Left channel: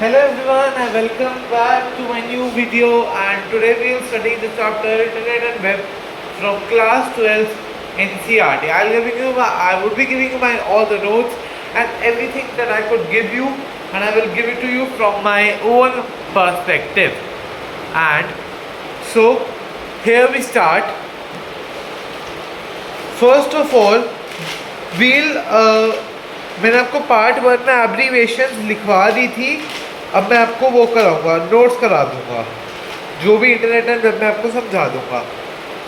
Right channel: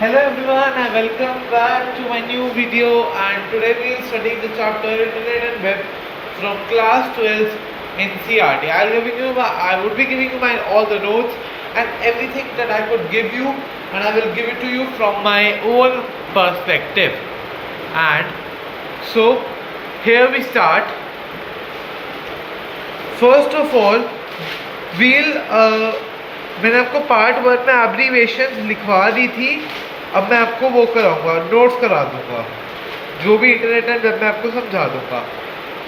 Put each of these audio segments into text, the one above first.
Hello everyone and welcome back to my new video, and today we will study the chapter Internet and Web from class 12 NCERT. I would be giving you my all the notes and everything that I could give you, and I will give it to you from my own perspective. And so here we start. First of all, मैंने आपको part 1 में abbreviation लिखवा दी थी. अब मैं आपको वो कराऊंगा, नोट्स करा दूंगा, जो भी इंटरनेट एंड वेब में आपको समझा दूंगा.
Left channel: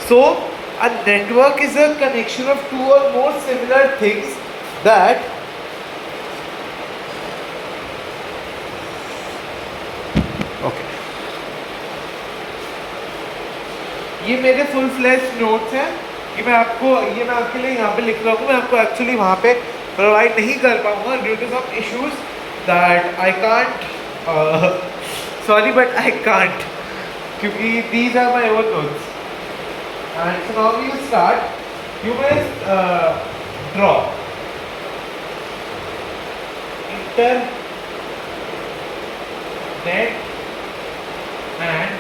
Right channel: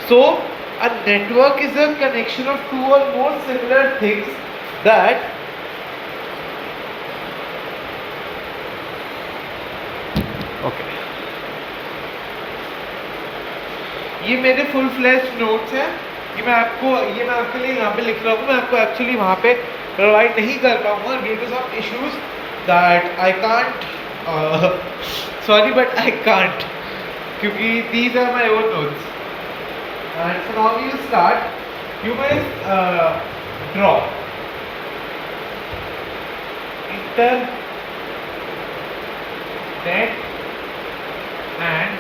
So a network is a connection of two or more similar things that okay. ये मेरे फुल फ्लैश नोट्स हैं. ये मैं आपके लिए यहाँ पे लिख रहा हूँ. मैं आपको एक्चुअली वहाँ पे प्रोवाइड नहीं कर पाऊँगा due to some issues that I can't. Sorry but I can't, क्योंकि these are my own notes. And so now we will start. You will draw internet and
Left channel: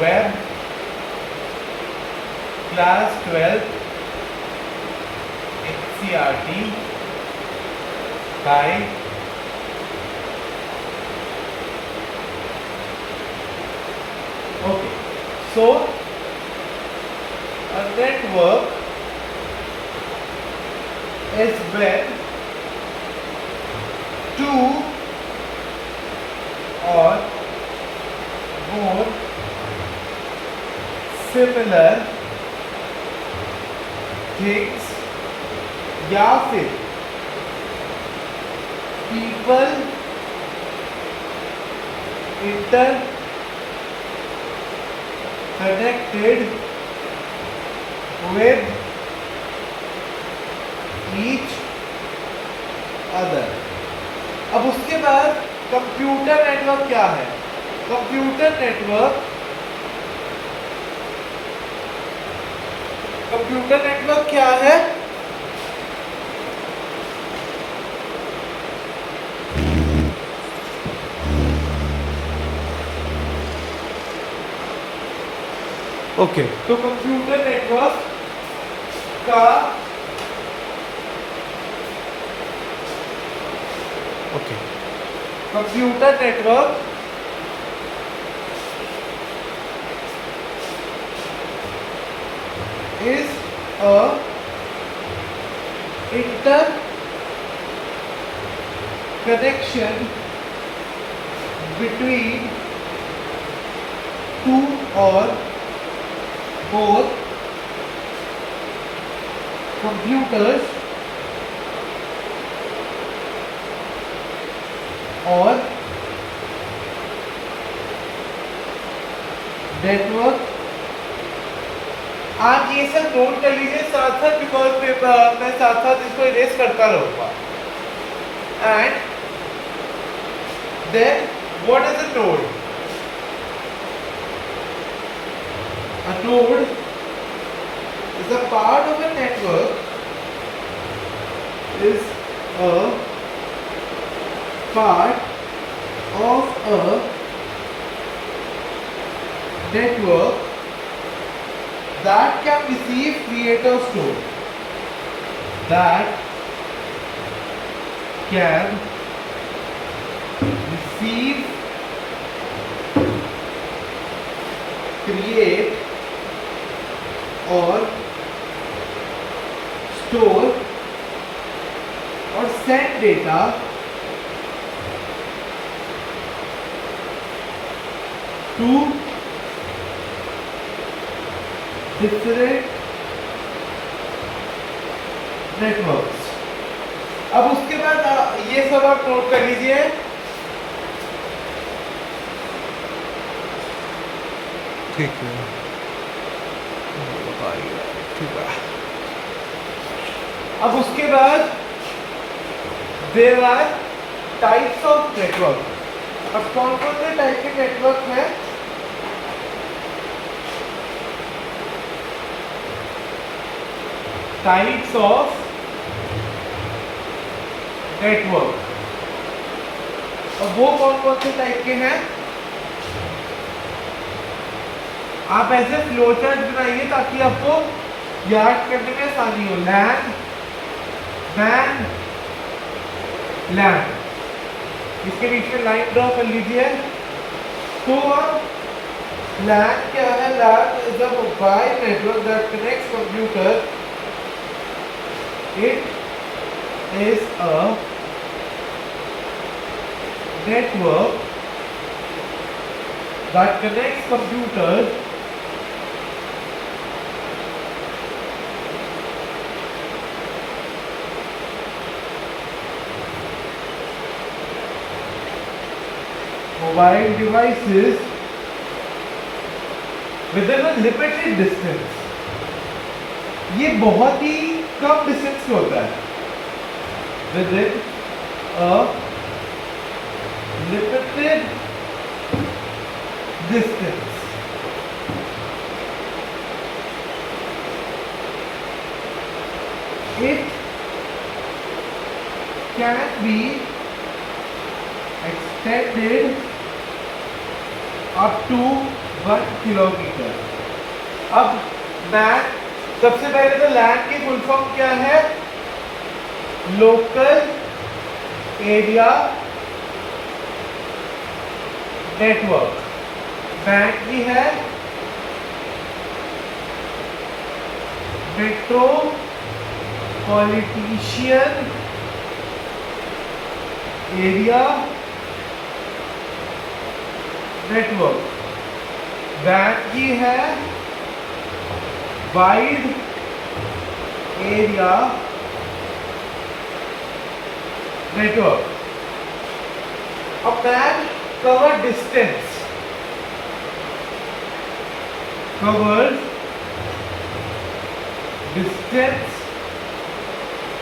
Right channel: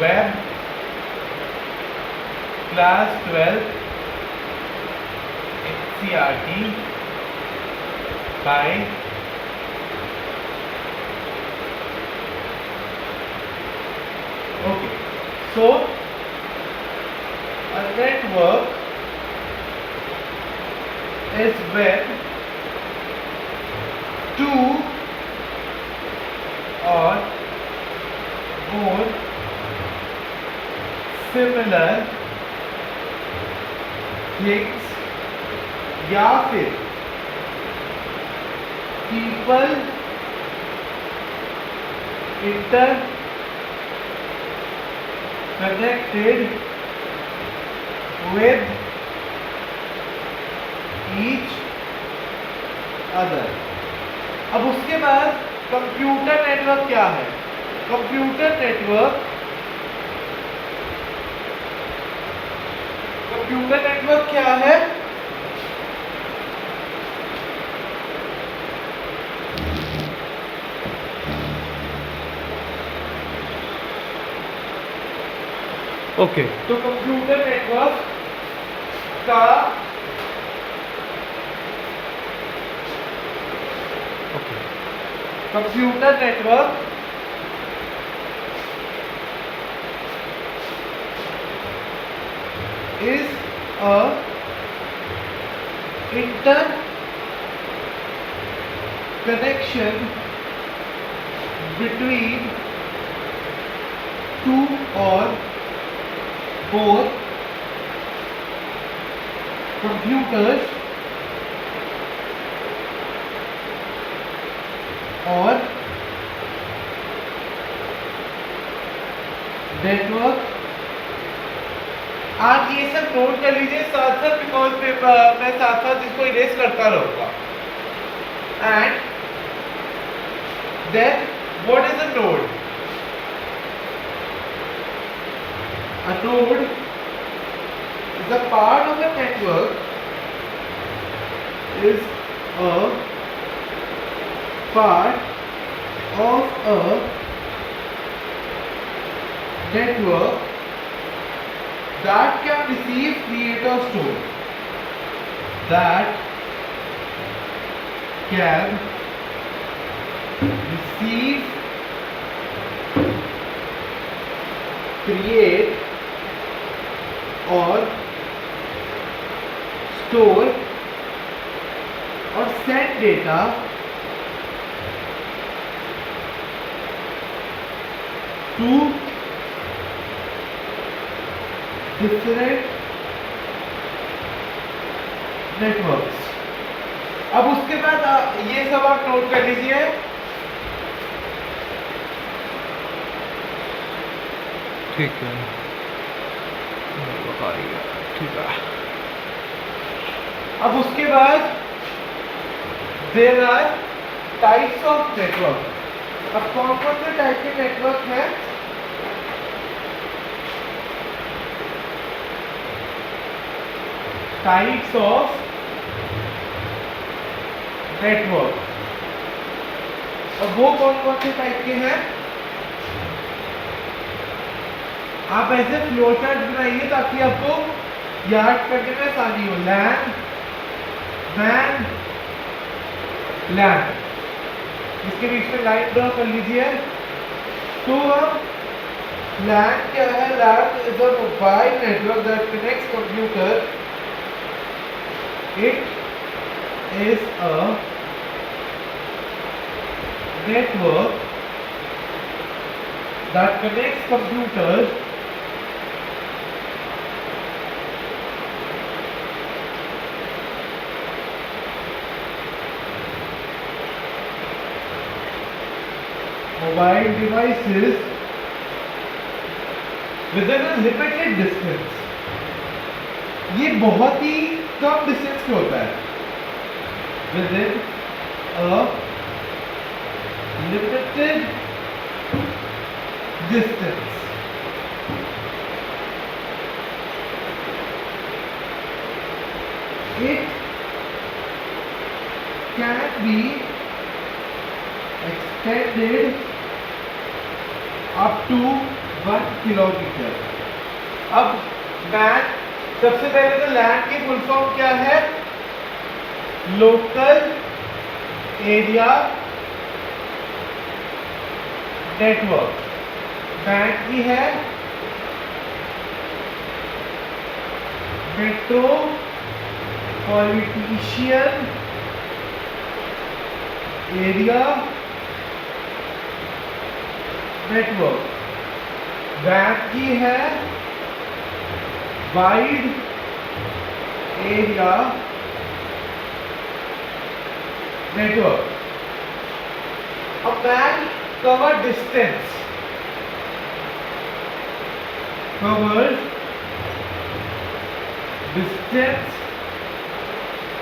web class 12 NCERT by okay. So a network is when two or more similar things या फिर people inter connected with each other. अब उसके बाद computer network क्या है? Computer network क्या है? Okay. तो कंप्यूटर नेटवर्क का computer network is a interconnection between two or more computers or network. आप ये सब नोट कर लीजिए साथ साथ, बिकॉज मैं साथ साथ इसको इरेज करता रहूँगा. And then what is a node? A node is a part of a network, is a part of a network that can receive, create or store. That can receive, create or store or send data to different networks. अब उसके बाद ये सब आप note कर लीजिए. ठीक है, ठीक है. अब उसके बाद there are types of network. अब कौन कौन से टाइप के नेटवर्क है? Types of network. और वो कौन कौन से टाइप के हैं? आप ऐसे फ्लो चार्ट बनाइए ताकि आपको याद करने में आसानी हो। लैन, मैन, लैन, इसके बीच में लाइन ड्रॉ कर लीजिए। तो LAN क्या है? LAN is a mobile network that connects computer. It is a network that connects computers mobile devices within a limited distance. ये बहुत ही कम डिस्टेंस पे होता है। within a limited distance. It can be extended up to 1 kilometre. अब man, सबसे पहले तो लैन की फुल फॉर्म क्या है? Local area network. मैन की है मेट्रोपॉलिटन एरिया नेटवर्क। वैन की है वाइड एरिया नेटवर्क। अब MAN cover distance, covers distance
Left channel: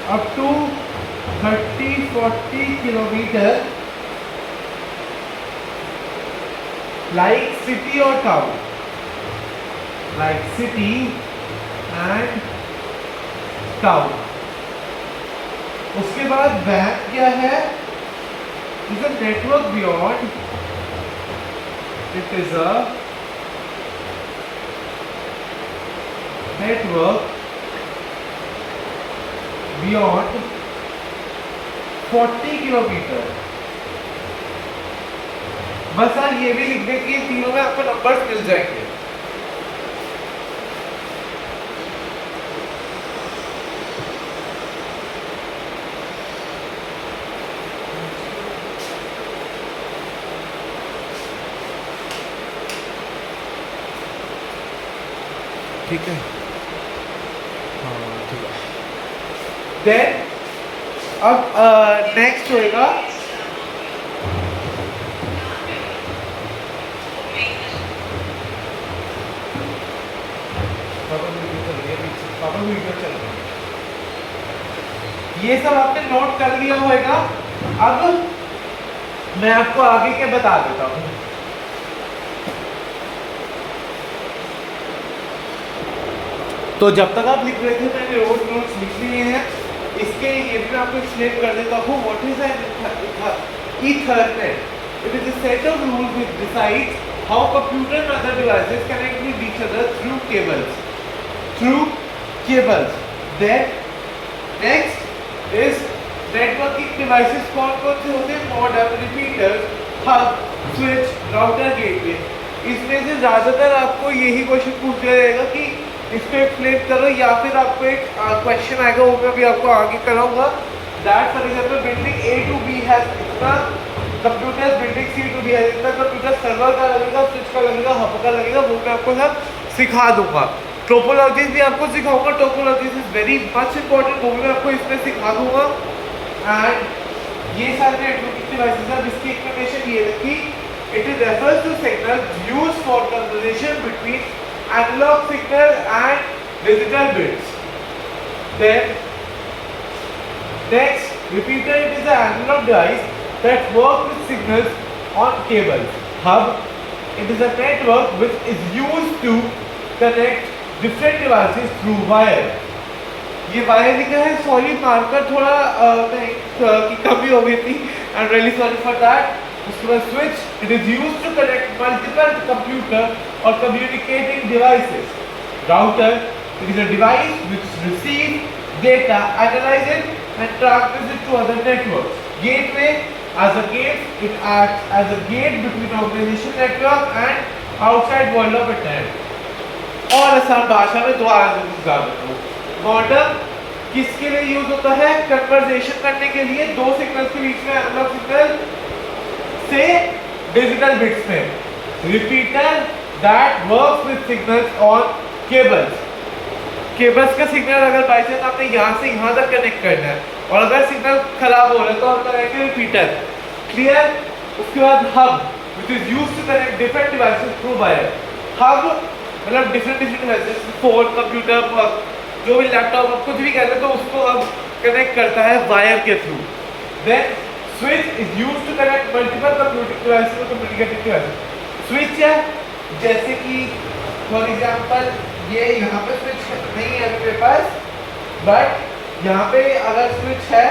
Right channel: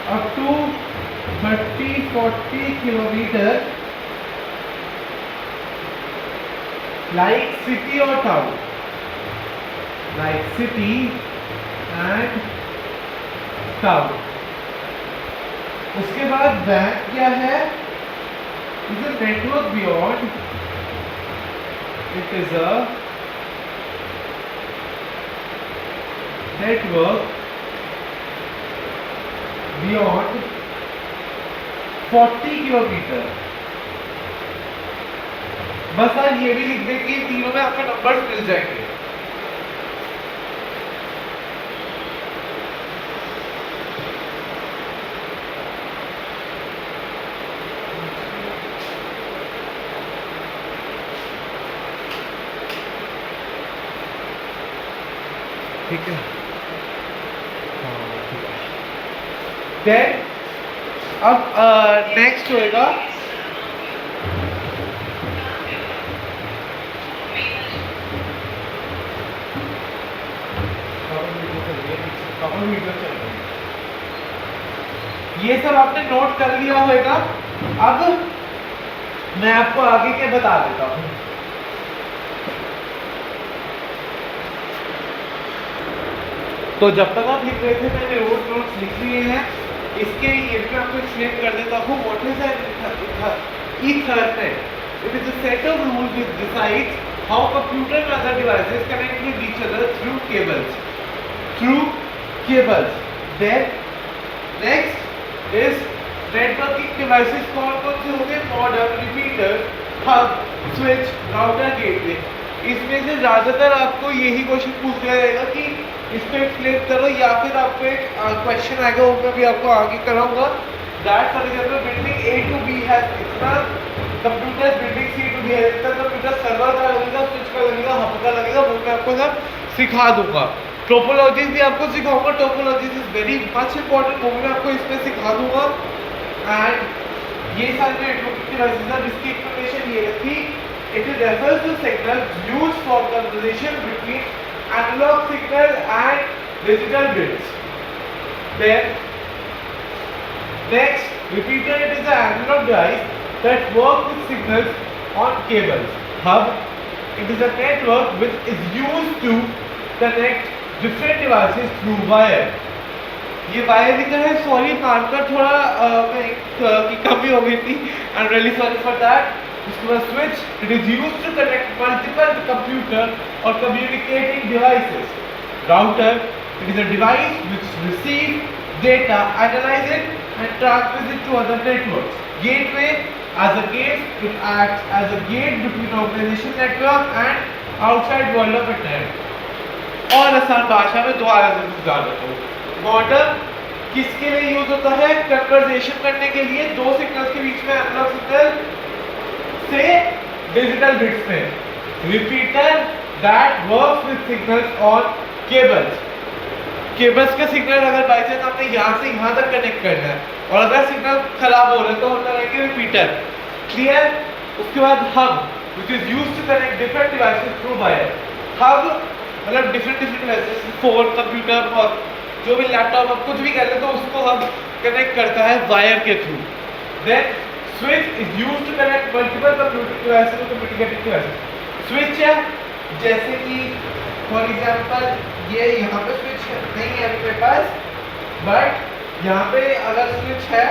up to 30-40 kilometre, like city or town, like city and town। उसके बाद WAN क्या है? is a network beyond, it is a network beyond 40 kilometre. बस आप ये भी लिख दें कि तीनों में आपको नंबर्स मिल जाएंगे। ठीक है, हाँ ठीक है। देन अब नेक्स्ट होएगा वीडियो चल रही है। ये सब आपने नोट कर लिया होगा। अब मैं आपको आगे के बता देता हूं। तो जब तक आप लिख रहे थे मैंने रोड नोट्स लिख लिए हैं। इसके ये भी मैं आपको एक्सप्लेन कर देता हूं। What is an Ethernet? It is a set of rules which decides how computer and other devices connect with each other through cables. Then next is networking devices। कौन कौन से होते हैं? Modem, repeater, hub, switch, router, gateway. इसमें से ज्यादातर आपको यही क्वेश्चन पूछ दिया जाएगा कि इसको एक्सप्लेन करो, या फिर आपको एक क्वेश्चन आएगा, वो मैं भी आपको आगे कराऊंगा। That for example building A to B है इतना computer, building C to B है इतना कंप्यूटर, सर्वर का लगेगा, स्विच का लगेगा, हब का लगेगा, वो मैं आपको सब सिखा दूंगा। टोपोलॉजीज भी आपको सिखाऊंगा। Topologies is very much important, वो भी मैं आपको इसमें सिखा दूंगा। एंड ये सारे नेटवर्किंग डिवाइसेस हैं जिसकी एक्सप्लेनेशन ये रखी। It is refers to signal used for conversation between analogue signal and digital bits. Then next repeater, it is an analogue device that work with signals on cables. Hub, it is a network which is used to connect different devices through wire. ये wire लिखा है, sorry marker थोड़ा की कमी हो गई थी, I am really sorry for that. उसके बाद switch, it is used to connect multiple computer और communicating devices. Router, it is a device which receives data, analyze it and transmits it to other networks. Gateway, as a gate, it acts as a gate between organization network and outside world of internet. और आसान भाषा में दोबारा से समझा देता हूँ. Modem किसके लिए यूज होता है? कन्वर्सेशन करने के लिए. दो सिग्नल्स के बीच में एनालॉग सिग्नल से डिजिटल बिट्स में. Repeater that works with signals on cables. Cables का सिग्नल अगर बाई चांस आपने यहाँ से यहाँ तक कनेक्ट करना है और अगर सिग्नल खराब हो रहा है तो हम लगाएंगे रिपीटर. क्लियर? उसके बाद hub, which is used to connect different devices through wire. Hub मतलब different devices, फोन, कंप्यूटर, जो भी लैपटॉप आप कुछ भी कर ले तो उसको हब कनेक्ट करता है वायर के through. Then switch is used to connect multiple computing devices to communicating devices. Switch है जैसे कि फॉर एग्जांपल ये यहाँ पे स्विच नहीं है मेरे पास, बट यहाँ पे अगर स्विच है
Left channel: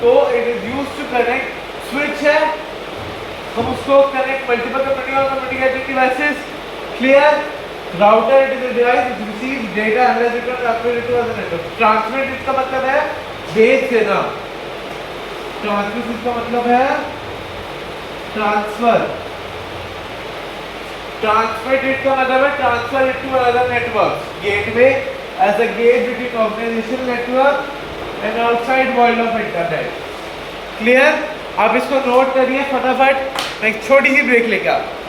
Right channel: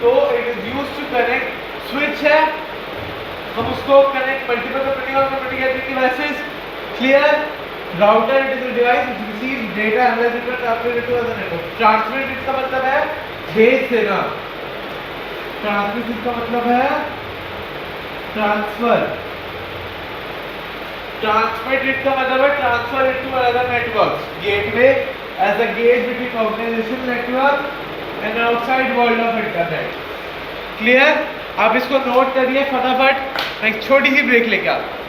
तो it is use to connect. Switch है, हम उसको कनेक्ट मल्टीपल कंप्यूटिंग और communicating devices. Clear? Router, it is a device which receives data, analyse it and transfer it to other network. Transmit इसका मतलब है भेज देना. ट्रांसमिट इसका मतलब है ट्रांसफर. Transmit it का मतलब है transfer it to another network. Gateway as a gate between organization network and outside world of internet. Clear? आप इसको नोट करिए फटाफट. मैं एक छोटी सी ब्रेक लेके आता हूँ.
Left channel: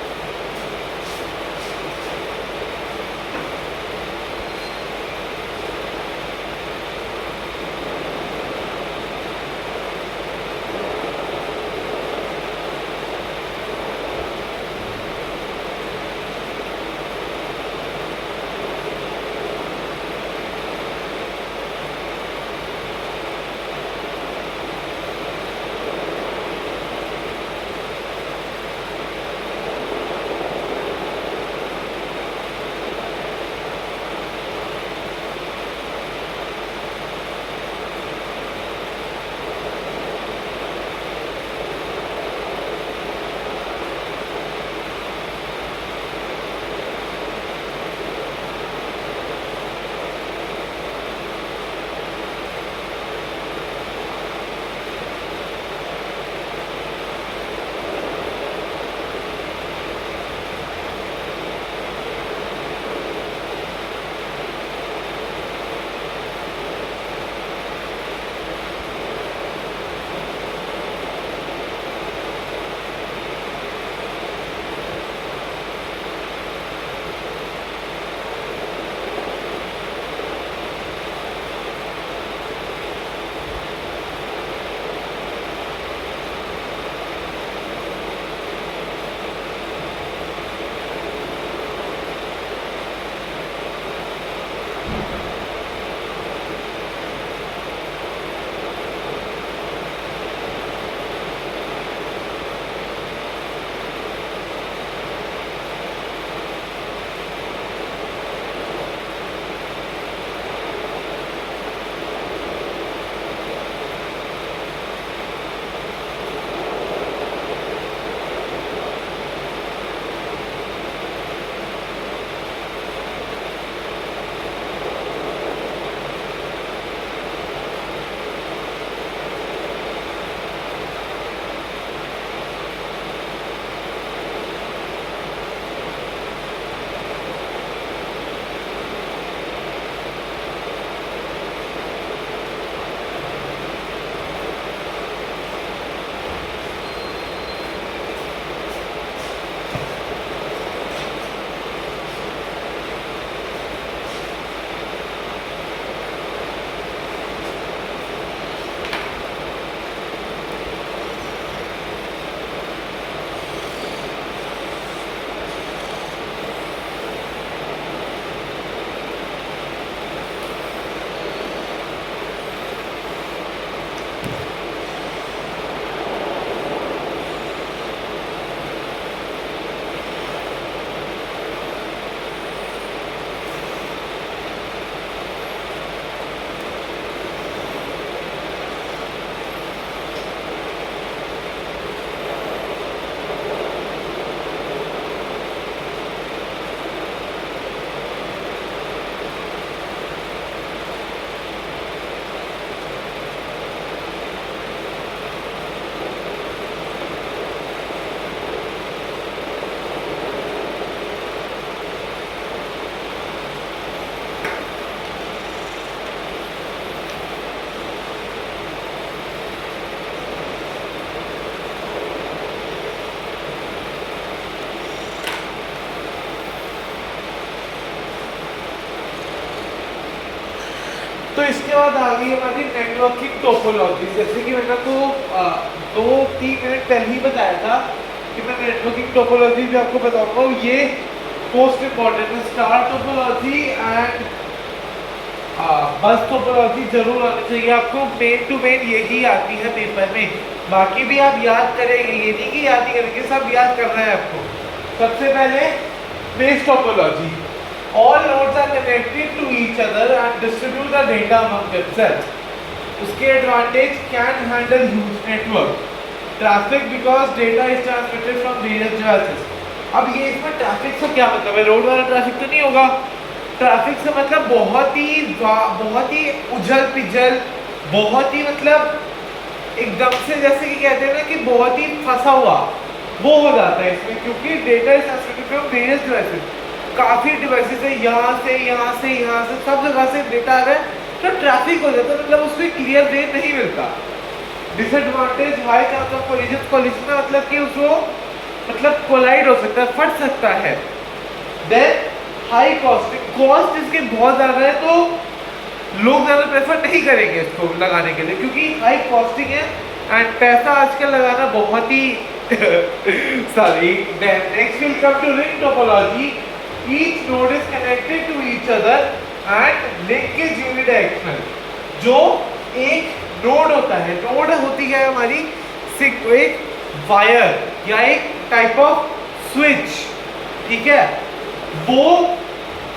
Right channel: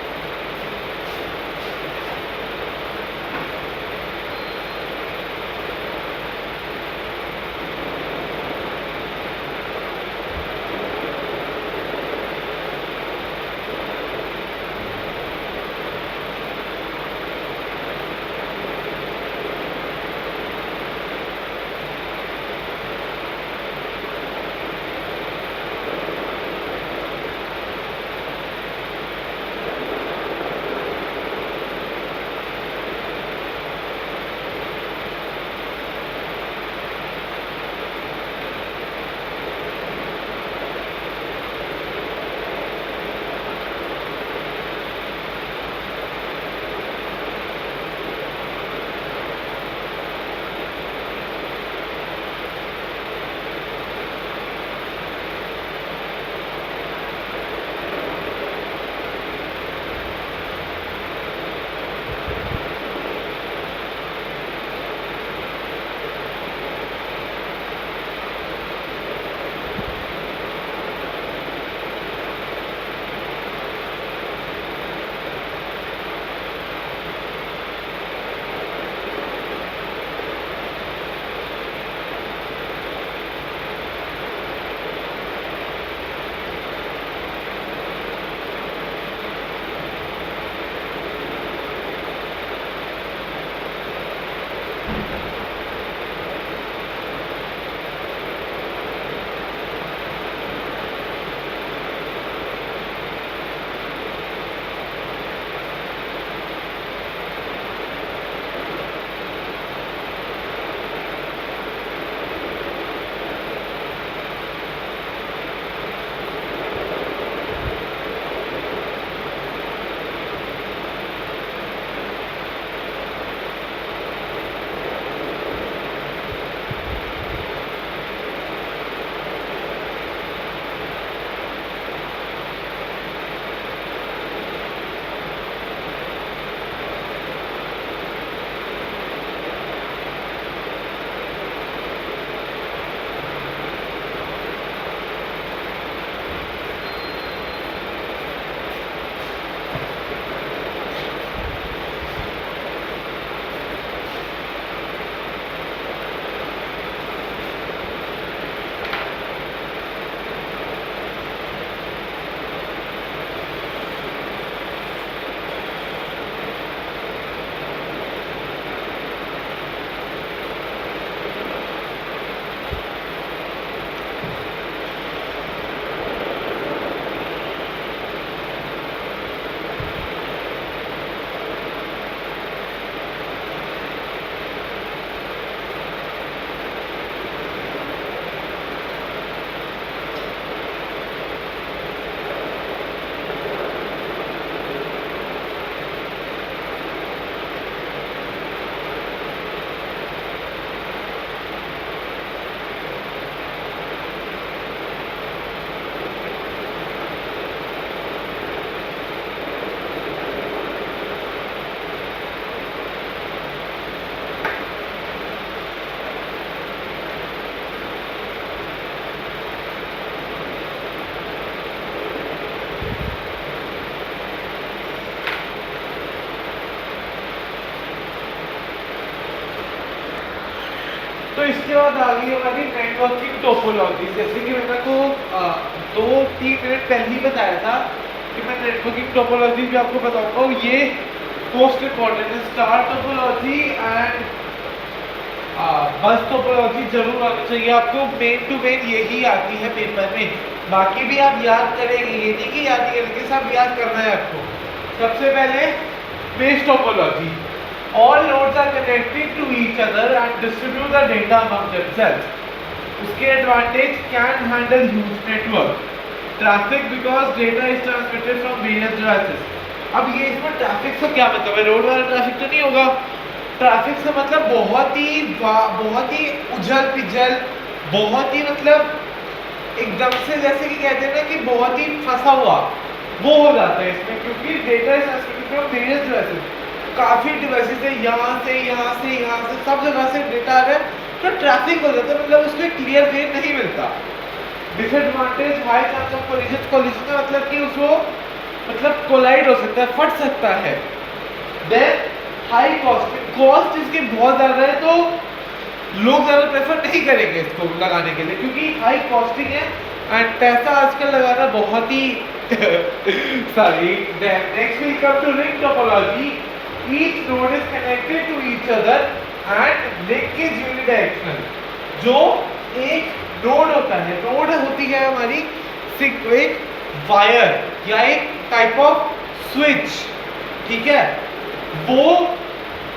तो इसके बाद आ गई हमारी नेटवर्किंग टोपोलॉजी। जैसे कि मैंने आपको 2-3 मिनट पहले ही बताया था कि मैं नेटवर्किंग टोपोलॉजी भी आपको बताऊंगा। ये मोस्ट इम्पॉर्टेंट है। स्टार टोपोलॉजी एंड बस टोपोलॉजी जरूर आनी चाहिए आपको। मेन टू मेन यही आती है पेपर में, बाकी भी आप याद करेंगे, ये नहीं कि याद नहीं करेंगे, सब याद करना है आपको। सबसे पहले base topology, all nodes are connected to each other and distribute the data among themselves. उसके advantage can handle huge network traffic because data is transmitted from various devices. अब ये इसमें ट्रैफिक से क्या मतलब है? रोड वाला ट्रैफिक तो नहीं होगा। ट्रैफिक से मतलब बहुत ही उजल पिजल, बहुत ही मतलब एकदम से, जैसे कि कहते हैं ना कि बहुत ही फंसा हुआ, वो हो जाता है इसमें, क्योंकि data is transmitted from various devices. काफ़ी डिवाइसेस है, यहाँ से सब जगह से डेटा आ रहा है, तो ट्रैफिक हो जाता है, मतलब उसमें क्लियर वे नहीं मिलता। Disadvantage high chance of collision. Collision में मतलब कि उसको मतलब कोलाइड हो सकता है, फट सकता है। देन हाई कॉस्टिंग, कॉस्ट इसके बहुत ज़्यादा है, तो लोग ज़्यादा प्रेफर नहीं करेंगे इसको लगाने के लिए, क्योंकि हाई कॉस्टिंग है एंड पैसा आजकल लगाना बहुत ही sorry. Then next will come to ring topology. Each node is connected to each other and link is unidirectional. जो एक नोड होता है, नोड होती है हमारी एक वायर या एक टाइप ऑफ स्विच, ठीक है, वो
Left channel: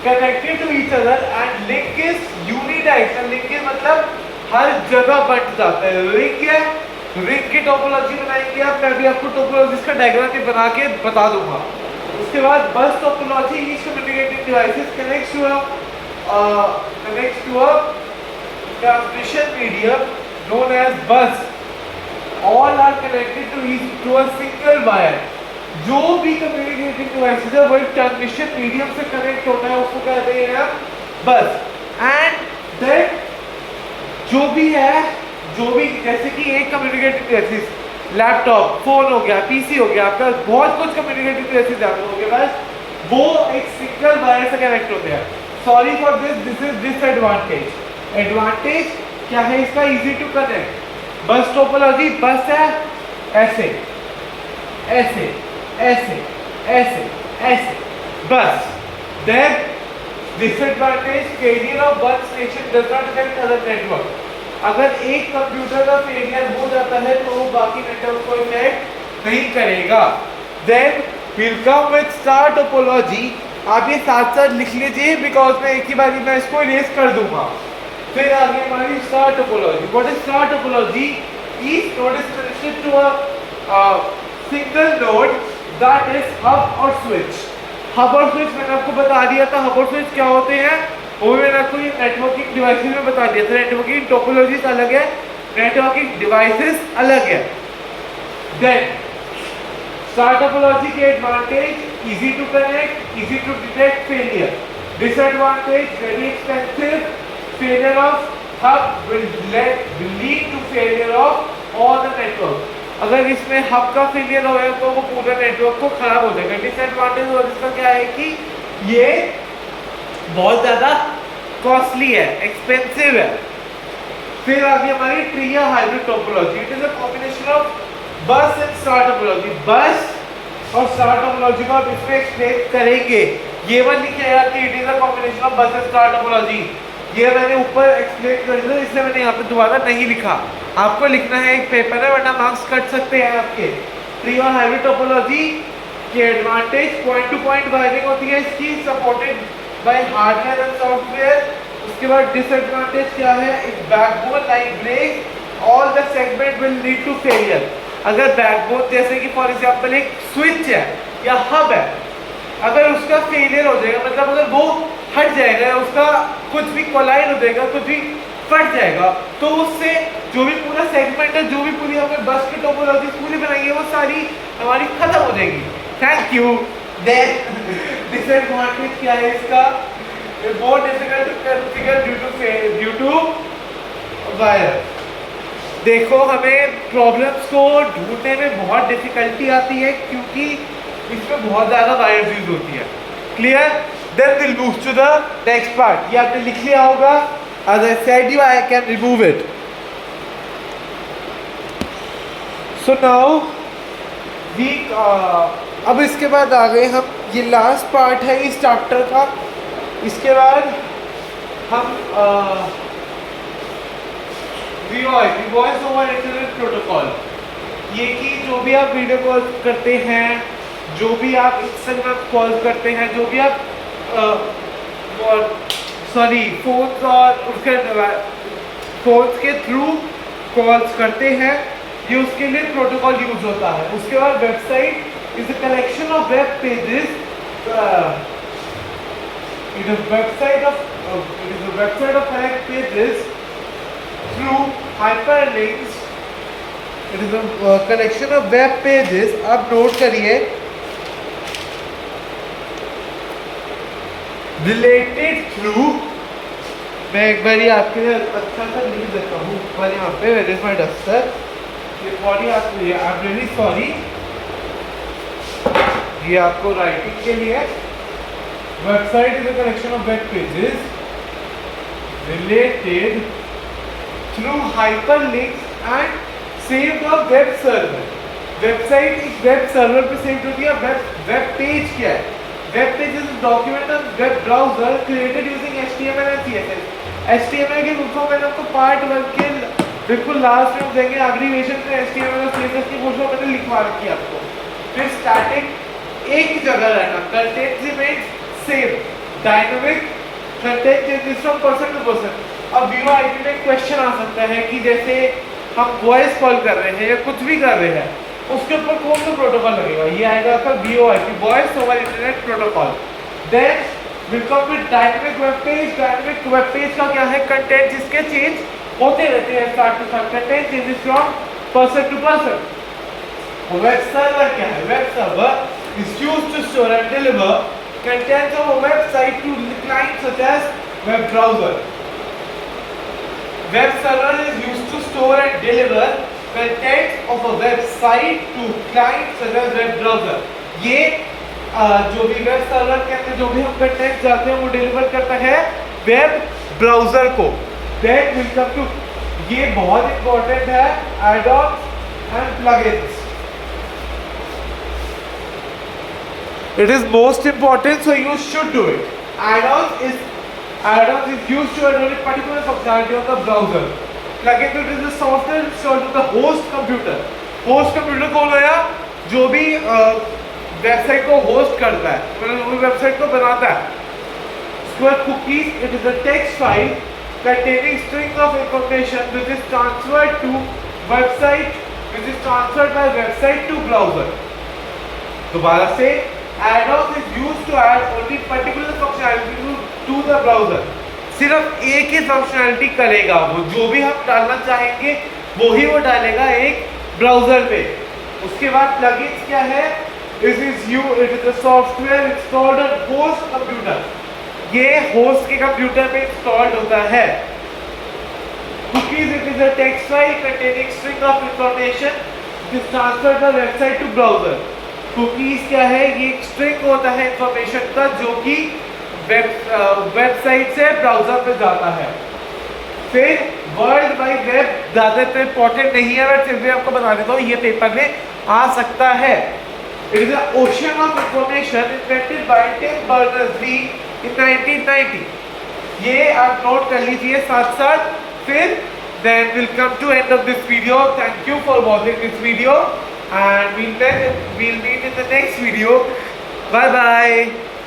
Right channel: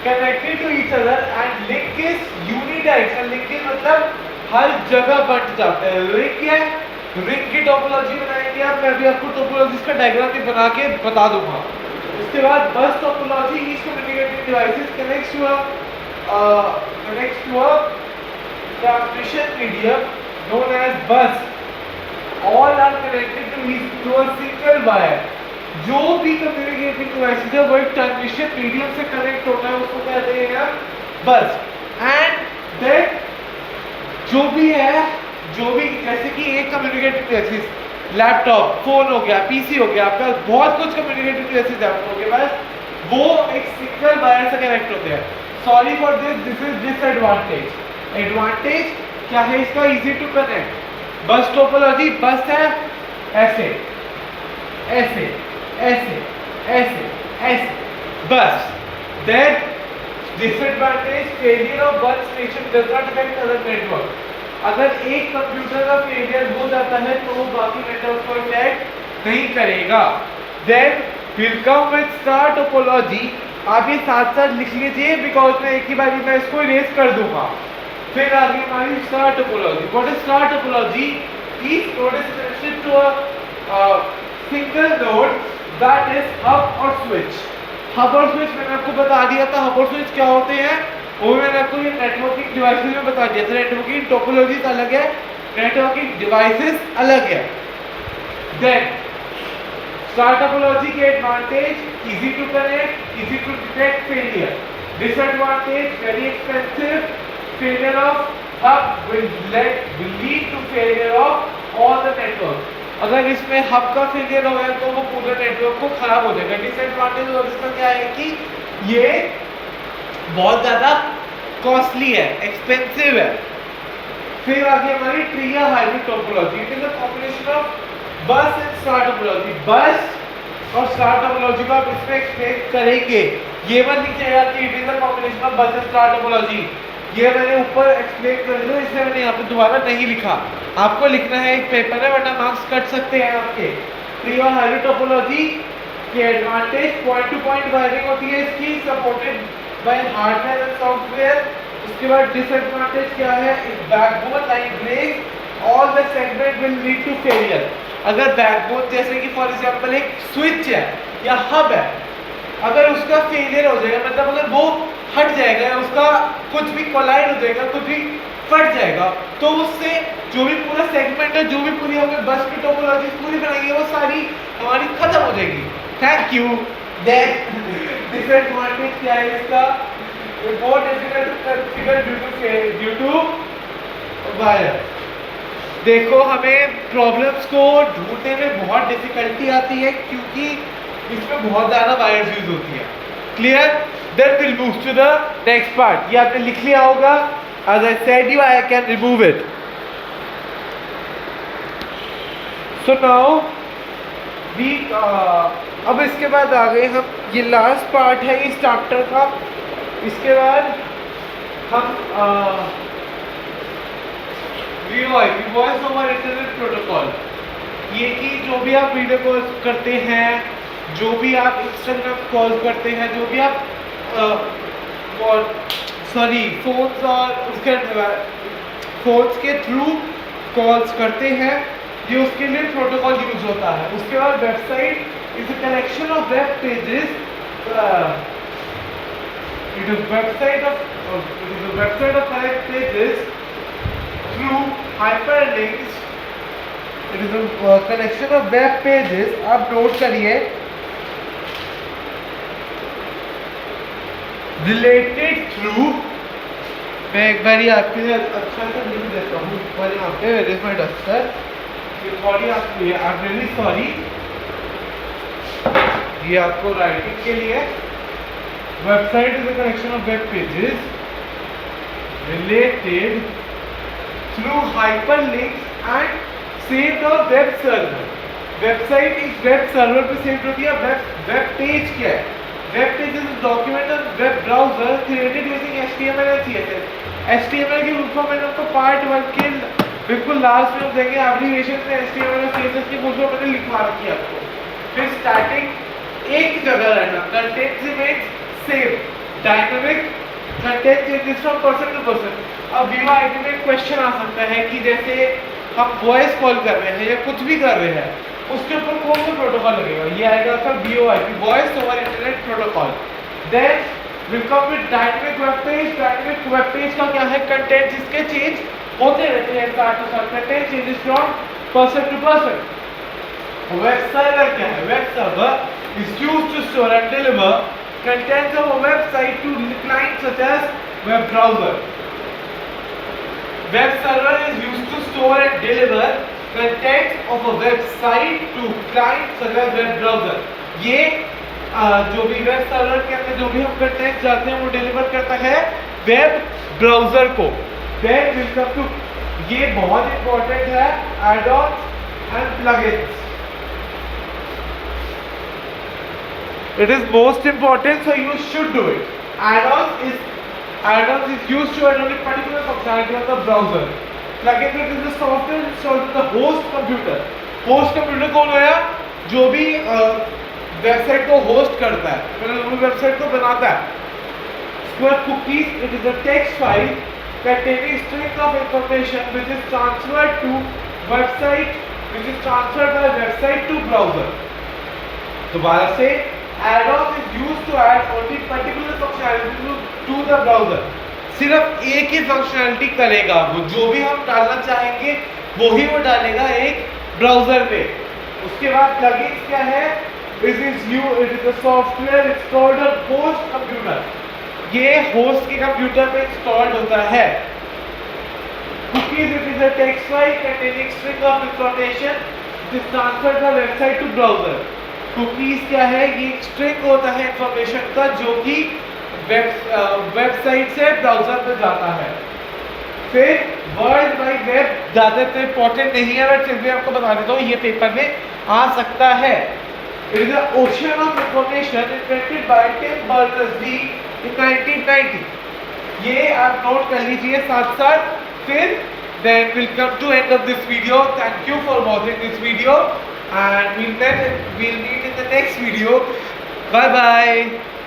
connected to each other and link is unidirectional. Link is मतलब हर जगह बंट जाता है। रिंग है, रिंग की टोपोलॉजी बनाएंगे आप, मैं भी आपको टोपोलॉजी का डायग्राम भी बना के बता दूंगा। उसके बाद bus topology, each communicating devices connects to a transmission medium known as bus. All are connected to a single wire. जो भी कम्युनिकेटिंग डिवाइसेस है वो एक ट्रांसमिशन मीडियम से कनेक्ट होता है, उसको कहते हैं हम बस। एंड देन जो भी जैसे कि एक कम्युनिकेटिंग डिवाइसेस, लैपटॉप, फोन हो गया, पीसी हो गया, आपका बहुत कुछ कम्युनिकेटिव डिवाइसेस आपके पास, वो एक सिंगल वायर से कनेक्ट होते हैं। Sorry for this is disadvantage. Advantage क्या है इसका? Easy to connect. Bus topology, bus है ऐसे ऐसे ऐसे ऐसे ऐसे बस। Then disadvantage, failure of one station does not affect other network. अगर एक कंप्यूटर का फेलियर हो जाता है तो वो बाकी नेटवर्क को इफेक्ट नहीं करेगा। Then will come with star topology. आप ये साथ साथ लिख लीजिए बिकॉज मैं एक ही बारी में इसको इरेज कर दूंगा। फिर आगे हमारी star topology. What is star topology? Each node is connected to a single node that is hub और स्विच। हब और स्विच मैंने आपको बता दिया था, हब और स्विच क्या होते हैं वो मैंने आपको ये नेटवर्किंग डिवाइसेस में बता दिया था। नेटवर्किंग टोपोलॉजीज अलग है, नेटवर्किंग डिवाइसेस अलग है। देन स्टार टोपोलॉजी के advantage, easy to connect, easy to detect failure. Disadvantage, very expensive, failure of hub will lead to failure of all the network. अगर इसमें हब का फेलियर हो गया तो वो पूरे नेटवर्क को खराब हो जाएगा। डिसएडवांटेज और इसका क्या है कि ये बहुत ज़्यादा कॉस्टली है, एक्सपेंसिव है। फिर आगे हमारी ट्री या hybrid topology. It is a combination of बस एंड स्टार टोपोलॉजी। बस और स्टार टोपोलॉजी को आप इसमें एक्सप्लेन करेंगे। ये मत लिखिएगा कि it is a combination of बस एंड स्टार टोपोलॉजी, ये मैंने ऊपर एक्सप्लेन कर दिया, इसलिए मैंने यहाँ पे दोबारा नहीं लिखा। आपको लिखना है, एक पेपर है वरना मार्क्स कट सकते हैं आपके। ट्री और हाइब्रिड टोपोलॉजी के advantage, point to point wiring होती है इसकी, supported by hardware and software. उसके बाद डिसएडवांटेज क्या है? If backbone like break all the segment will lead to failure. अगर बैकबोन जैसे कि फॉर एग्जांपल एक स्विच है या हब है, अगर उसका फेलियर हो जाएगा, मतलब अगर वो हट जाएगा या उसका कुछ भी कोलाइड हो जाएगा, कुछ भी फट जाएगा, तो उससे जो भी पूरा सेगमेंट है, जो भी पूरी हमने बस की टोपोलॉजी पूरी बनाई है, वो सारी हमारी खत्म हो जाएगी। Thank you. देन डिसएडवांटेज क्या है इसका? More difficult to configure due to wire. देखो, हमें प्रॉब्लम्स को ढूंढने में बहुत डिफिकल्टी आती है क्योंकि इसमें बहुत ज़्यादा वायर्स यूज होती है। Clear? Then will move to the next part. ये आपने लिख लिया होगा। As I said you, I can remove it. So now we अब इसके बाद आ गए हम, ये लास्ट पार्ट है इस चैप्टर का। इसके बाद हम वॉइस ओवर इंटरनेट प्रोटोकॉल, ये कि जो भी आप वीडियो कॉल करते हैं, जो भी आप इंस्टाग्राम कॉल करते हैं, जो भी आप फोन्स और उसके फोन्स के थ्रू कॉल्स करते हैं, ये उसके लिए प्रोटोकॉल यूज होता है। उसके बाद website is a collection of web pages, it is website of web pages through hyperlinks, it is a collection of web pages. आप नोट करिए, रिलेटेड थ्रू, मैं एक बार आपके लिए अच्छा सा लिख देता हूँ। एक बार यहाँ पे वेयर इज माय डस्टर, ये थोड़ी आपकी है, आई एम रियली सॉरी, ये आपको राइटिंग के लिए। Website is a collection of web pages related through hyperlinks and saved on web server. Website एक वेब सर्वर पे सेव होती है। वेब पेज क्या है? Web page is a document on web browser created using HTML and CSS। HTML की full form मैंने आपको part 1 के बिल्कुल लास्ट में देंगे, एब्रिविएशन में HTML और CSS की फुल फॉर्म मैंने लिखवा रखी है आपको। फिर स्टैटिक एक ही जगह रहना, content remains same, dynamic content changes from person to person. अब VoIP में क्वेश्चन आ सकता है कि जैसे हम वॉइस कॉल कर रहे हैं या कुछ भी कर रहे हैं, उसके ऊपर कौन सा प्रोटोकॉल लगेगा? ये आएगा आपका VoIP, voice over internet protocol. Then will come with dynamic web page. Dynamic web page का क्या है? कंटेंट जिसके चेंज होते रहते हैं start to start, content changes from person to person. Web server क्या है? Web server is used to store and deliver contents of a website to clients such as web browser. Web server is used to store and deliver contents of a website to clients such as web browser. ये जो भी web server के अंदर जो भी हम content चाहते हैं वो डिलीवर करता है वेब ब्राउजर को। Then we'll come to, ये बहुत इंपॉर्टेंट है, add-ons and plugins. It is most important, so you should do it. Add-ons is used to add a particular functionality on the browser. Plugin it is a software installed on the host computer. Host computer कौन है? जो भी website को host करता है, मतलब वो website को बनाता है। Square cookies, it is a text file containing string of information which is transferred to website, which is transferred by website to browser. दोबारा से, add-on is used to add only particular functionality to the browser. सिर्फ एक ही functionality करेगा वो, जो भी हम डालना चाहेंगे वो ही वो डालेगा एक ब्राउजर पे। उसके बाद प्लगइन्स क्या है? It is a software installed on host computer. ये होस्ट के कंप्यूटर पे इंस्टॉल्ड होता है। Cookies, it is a text file containing string of information which is transferred by website to browser. Cookies क्या है? ये एक स्ट्रिंग होता है इंफॉर्मेशन का जो कि वेबसाइट से ब्राउजर पे जाता है। फिर वर्ल्ड वाइड वेब ज़्यादा तो इंपॉर्टेंट नहीं है, बट फिर भी आपको बता देता हूँ, ये पेपर में आ सकता है। It is a ocean of information invented by Tim Berners Lee in 1990। ये आप नोट कर लीजिए साथ साथ। फिर then we'll come to end of this video. Thank you for watching this video. And we'll meet in the next video. Bye bye.